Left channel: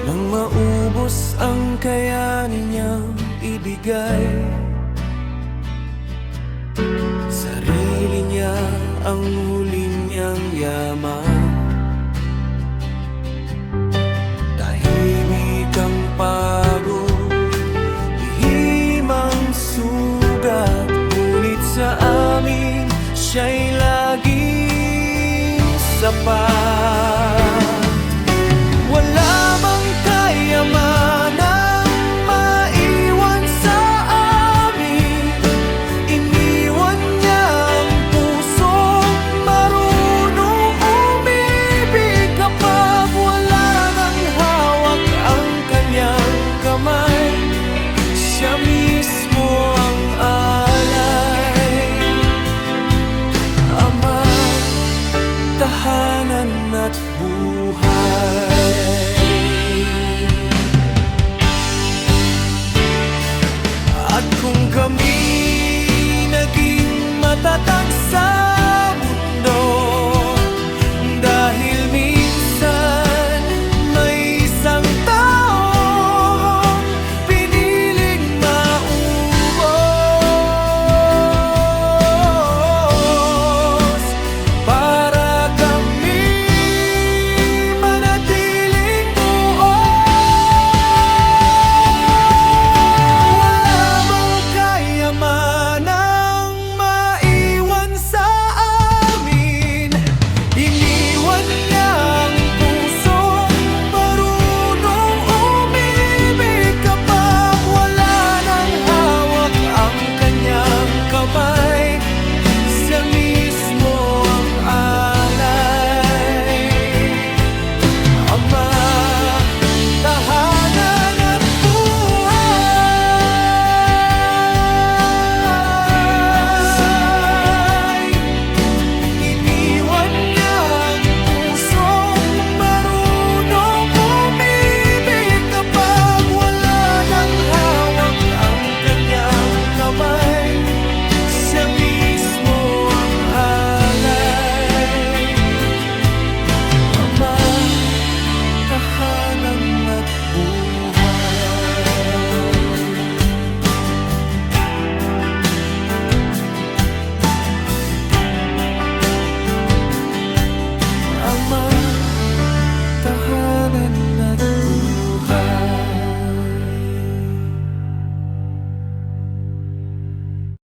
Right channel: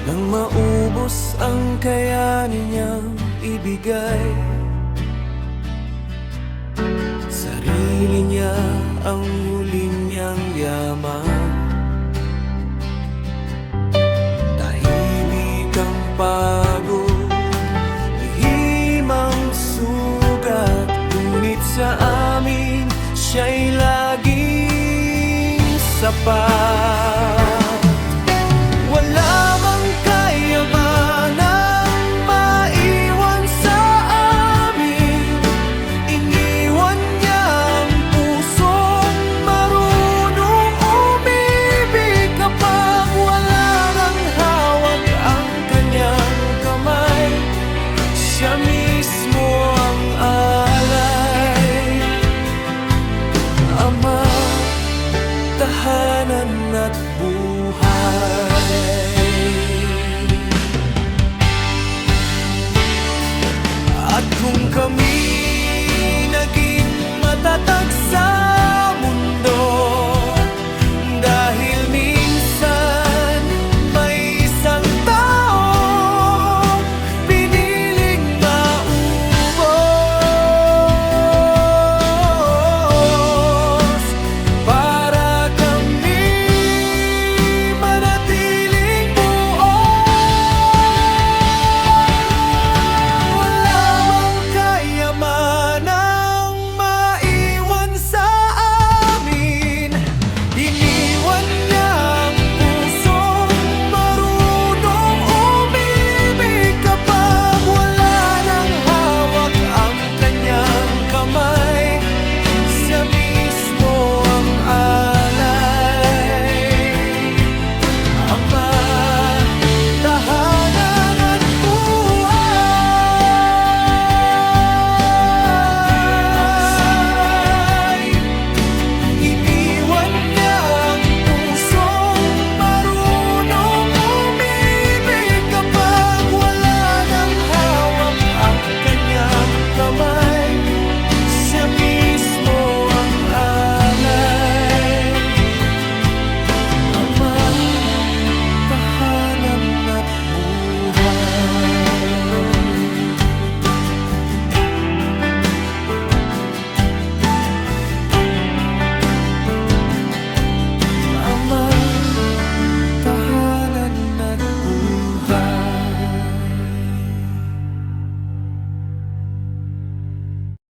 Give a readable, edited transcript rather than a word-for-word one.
Nang maubos ang kayanin niyang ibigay, sarili niya ang huli niyang yaman. Tahimik ang pagod, lihim ang sugat, ngunit sa amin siya'y laging sapat. Wala mang kayamanang maiwan sa amin, iniwan niya ang pusong marunong umibig. Kapag wala nang hawak ang kanyang kamay, siya mismo ang alay. Ama, tahanan at buhay. At kung kami naging matatag sa mundo, dahil minsan may isang taong piniling maubos para kami manatiling buo. Wala bang kayamanang maiwan sa amin, iniwan niya ang pusong marunong umibig. Kapag wala nang hawak ang kanyang kamay, siya mismo ang alay. Ama, tahanan at buhay. Iniwan niya ang pusong marunong umibig. Kapag wala nang hawak ang kanyang kamay, siya mismo ang alay. Ama, tahanan at buhay. Ama, tahanan at buhay.